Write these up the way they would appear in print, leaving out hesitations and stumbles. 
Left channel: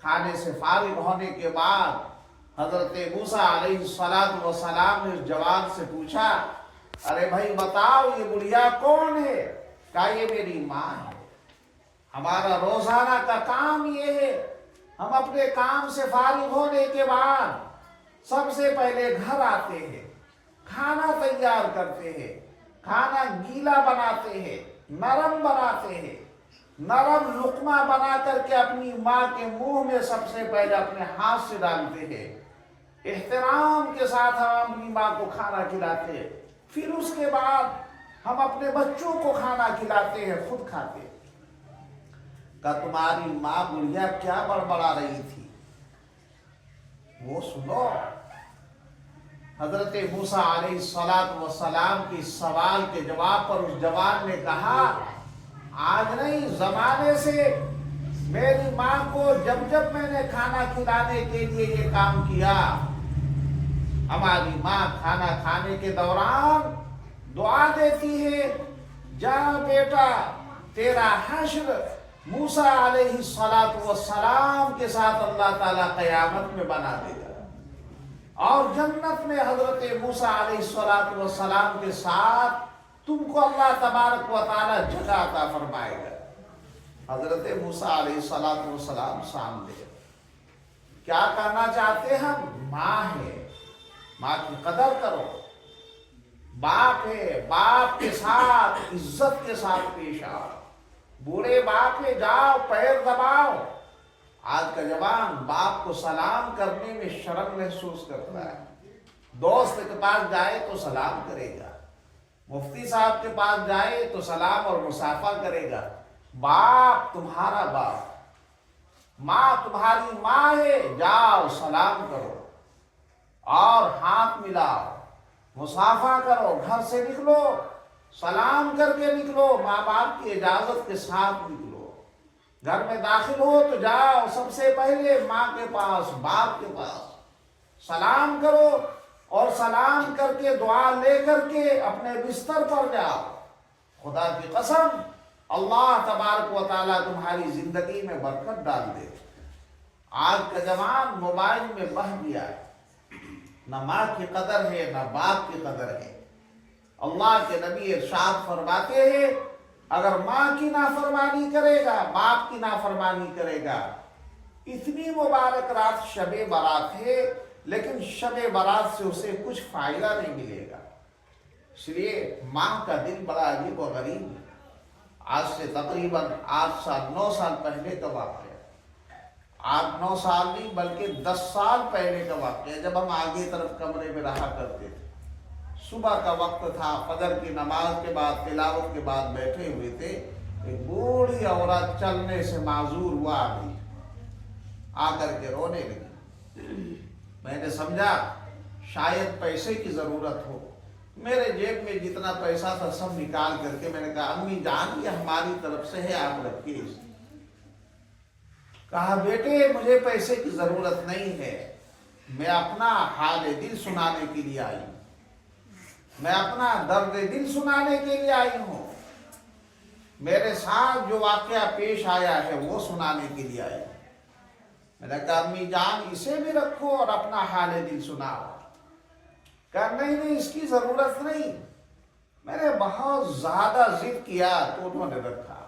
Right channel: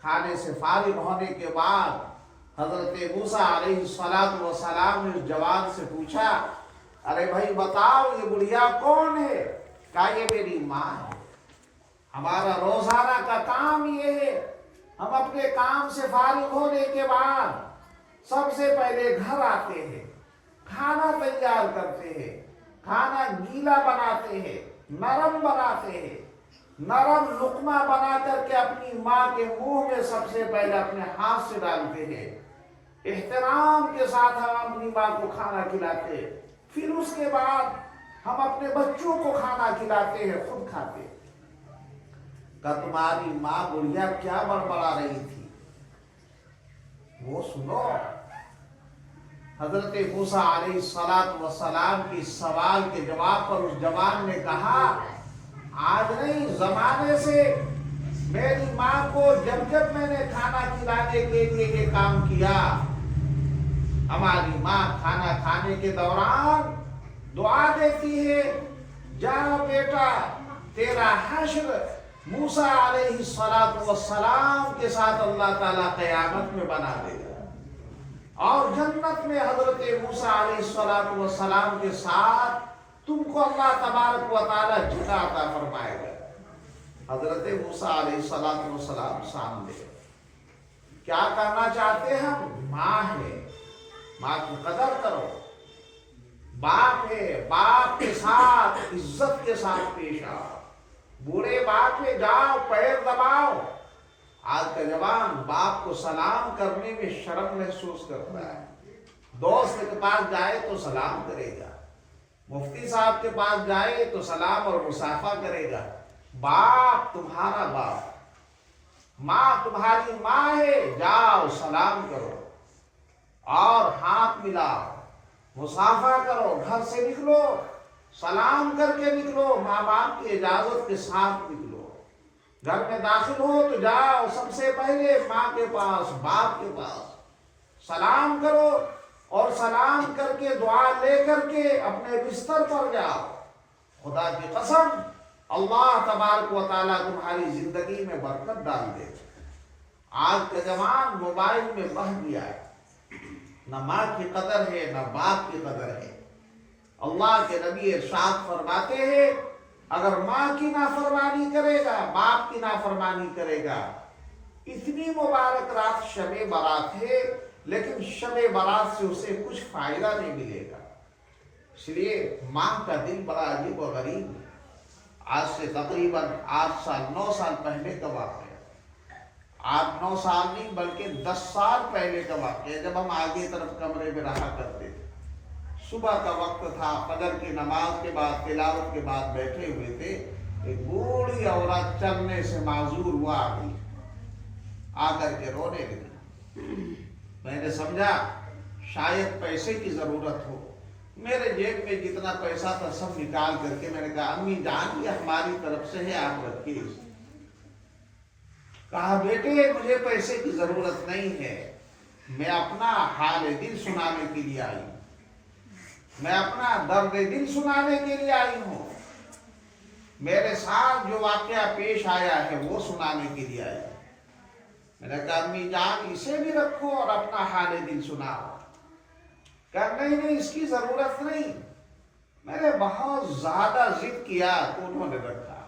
खाने से फारिग होने के बाद हजरत मूसा अलैहिस्सलातु वस्सलाम ने जवान से पूछा, अरे भाई बताओ ये बुढ़िया कौन है? कहा ये मेरी माँ है। हमारा रोजाना का काम ये है, हम अपने काम से फारिग होने के बाद सबसे पहले घर आते हैं, खाना तैयार करते हैं, खाना गीला बनाते हैं, नरम बनाते हैं, नरम लुकमा बना करके अपनी माँ के मुंह में सबसे पहले अपने हाथ से डालते हैं। एहतराम के साथ हम अपनी माँ को खाना खिलाते हैं, फिर उसके बाद हम अपने बच्चों को खाना खिलाते हैं, खुद खाते हैं। का तुम्हारी माँ बुढ़िया क्या बड़बड़ा रही थी वो सुनो। हजरत मूसा अलैहिस्सलातु वस्सलाम के सवाल के जवाब पर उस जवान ने कहा, आज नहीं जमाने से मेरी माँ को जब जब मैंने खाना खिलाने के लिए ये काम किया, हमारी माँ खाना खाने के दौरान दुआ देती है, जा बेटा तेरा हश्र मूसा अलैहिस्सलातु वस्सलाम के साथ अल्लाह ताला क़यामत में बना देगा और जन्नत में हजरत मूसा अलैहिस्सलातु वस्सलाम के साथ तुमको अल्लाह तबारक व तआला जगह अता फरमाएगा। हजरत मूसा अलैहिस्सलातु वस्सलाम सामने क्या करना चाहते हैं? हम माँ है, माँ की कदर करो। बाप है, बाप के साथ इज्जत के साथ पेश आओ। बूढ़े बाप है, जाओ पैर दबाओ। आज का जवान बाप को सलाम करने में शर्म महसूस करता है। दोस्त के पास जाए तो सलाम करेगा, मुफ्ती साहब के पास जाए तो सलाम और मुसाफा करेगा। बाप तुम्हारा बाप, माँ तुम्हारी माँ है, जाओ सलाम करो और हाथ मिलाओ, मुसाफा करो, घर से निकलो सलाम करके निकलो, माँ बाप की इजाजत के साथ निकलो। घर में दाखिल हो तो जाओ सबसे पहले माँ के पास, बाप के पास सलाम करो और सलाम करके दुआ ले करके अपने बिस्तर पर जाओ। खुदा की कसम अल्लाह तबारक व तआला तुम्हारी जिंदगी में बरकत डाल दे। आज का जवान मोबाइल में बह गया है, न माँ की कदर है न बाप की कदर है। अल्लाह के नबी इरशाद फरमाते हैं, अगर माँ की नाफरमानी करेगा, बाप की नाफरमानी करेगा, इतनी मुबारक रात शबे बारात है लेकिन शबे बारात से उसे कुछ फायदा नहीं मिलेगा। इसलिए माँ का दिल बड़ा अजीब और गरीब है। आज से तकरीबन 8 साल 9 साल पहले का वाक़या, 8-9 साल नहीं बल्कि 10 साल पहले का वाक़या, जब हम आगे तरफ कमरे में रहा करते थे। सुबह का वक्त था, फजर की नमाज के बाद तिलावत के बाद बैठे हुए थे। एक बूढ़ी औरत चलने से माजूर हुआ आ गई, आकर के रोने लगी। मैंने समझा शायद पैसे की जरूरत हो। मेरे जेब में जितना पैसा था सब निकाल करके मैंने कहा, अम्मी जान ये हमारी तरफ से है, आप रखिए। कहा, बेटे मुझे पैसे की जरूरत नहीं है, मैं अपना हाल दिल सुनाने के लिए आई हूं, मैं अपना दर्द दिल सुनाने के लिए आई हूं, मेरे साथ जो वाकया पेश आया है वो सुनाने के लिए आई। मैंने कहा, अम्मी जान इसे भी रखो और अपना हाल दिल सुनाओ। कहा, नहीं इसकी जरूरत नहीं। मैंने बहुत ज्यादा जिद किया तो उन्होंने रखा,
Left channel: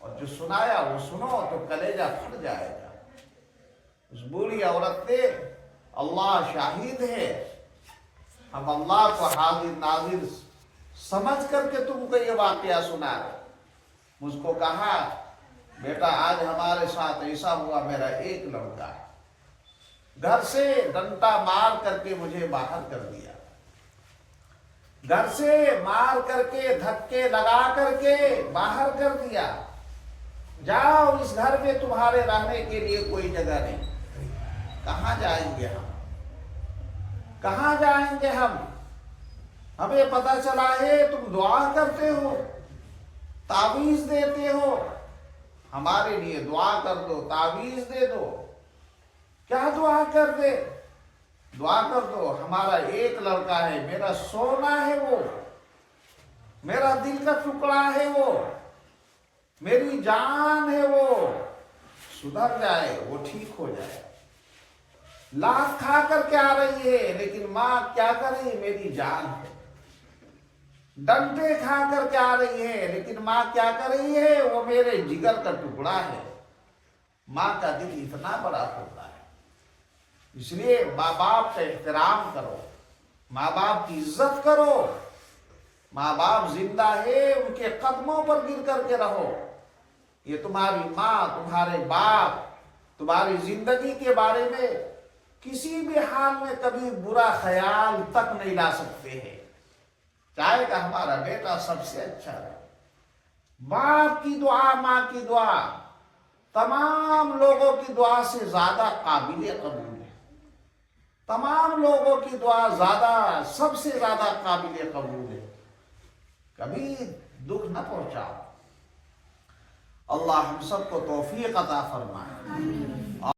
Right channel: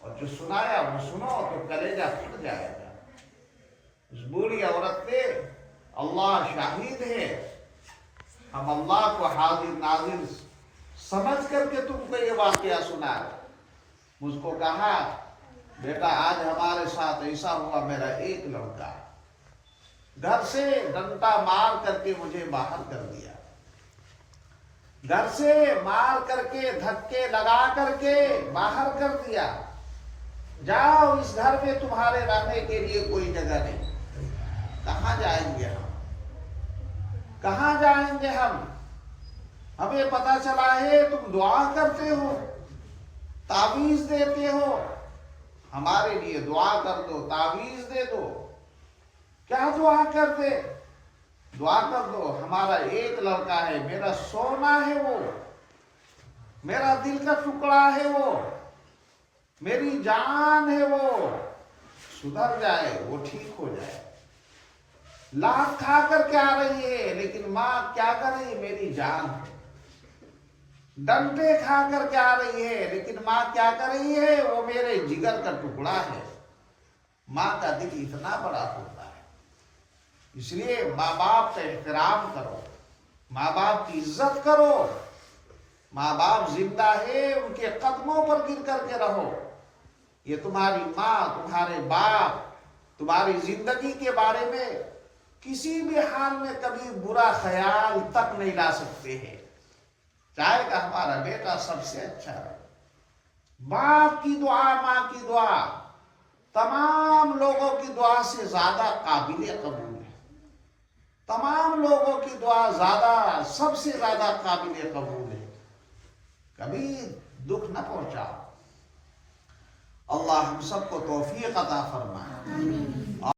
और जो सुनाया वो सुनो तो कलेजा फट जाएगा। उस बूढ़ी औरत ने, अल्लाह शाहिद है, हम अल्लाह को हाजिर नाजिर समझ करके तुमको ये वाकया सुना। मुझको कहा, बेटा आज हमारे साथ ऐसा हुआ, मेरा एक लड़का घर से डंडा मार करके मुझे बाहर कर दिया, घर से मार करके धक्के लगा करके बाहर कर दिया। जाओ इस घर में तुम्हारे रहने के लिए कोई जगह नहीं। कहाँ जाएंगे हम, कहाँ जाएंगे हम? हमें पता चला है तुम दुआ करते हो, तावीज देते हो, हमारे लिए दुआ कर दो, तावीज दे दो। क्या दुआ कर दे? दुआ कर दो, हमारा एक लड़का है, मेरा सोना है वो, मेरा दिल का टुकड़ा है वो, मेरी जान है वो, सुधर जाए, वो ठीक हो जाए। लात खा कर के आ रही है, लेकिन माँ क्या कर रही है, मेरी जान है। डंडे खा कर के आ रही है, लेकिन माँ क्या कर रही है, वो मेरे जिगर का टुकड़ा है। माँ का दिल इतना बड़ा होता है। इसलिए माँ बाप का एहतराम करो, माँ बाप की इज्जत करो। माँ बाप जिंदा है, उनके कदमों पर गिर करके रहो। ये तुम्हारी माँ, तुम्हारे बाप तुम्हारी जिंदगी के बारे में किसी भी हाल में कभी बुरा ख्याल तक नहीं ला सकते हैं। चाहेगा हमारा बेटा सबसे अच्छा रहे। बाप की दुआ, माँ की दुआ तमाम लोगों की दुआ से ज्यादा काबिल कबूल है। तमाम लोगों की दुआ ज्यादा, सबसे ज्यादा काबिल कबूल है। कभी दुख न पहुंचाओ। अल्लाह हम सबको तौफीक अता फरमाए।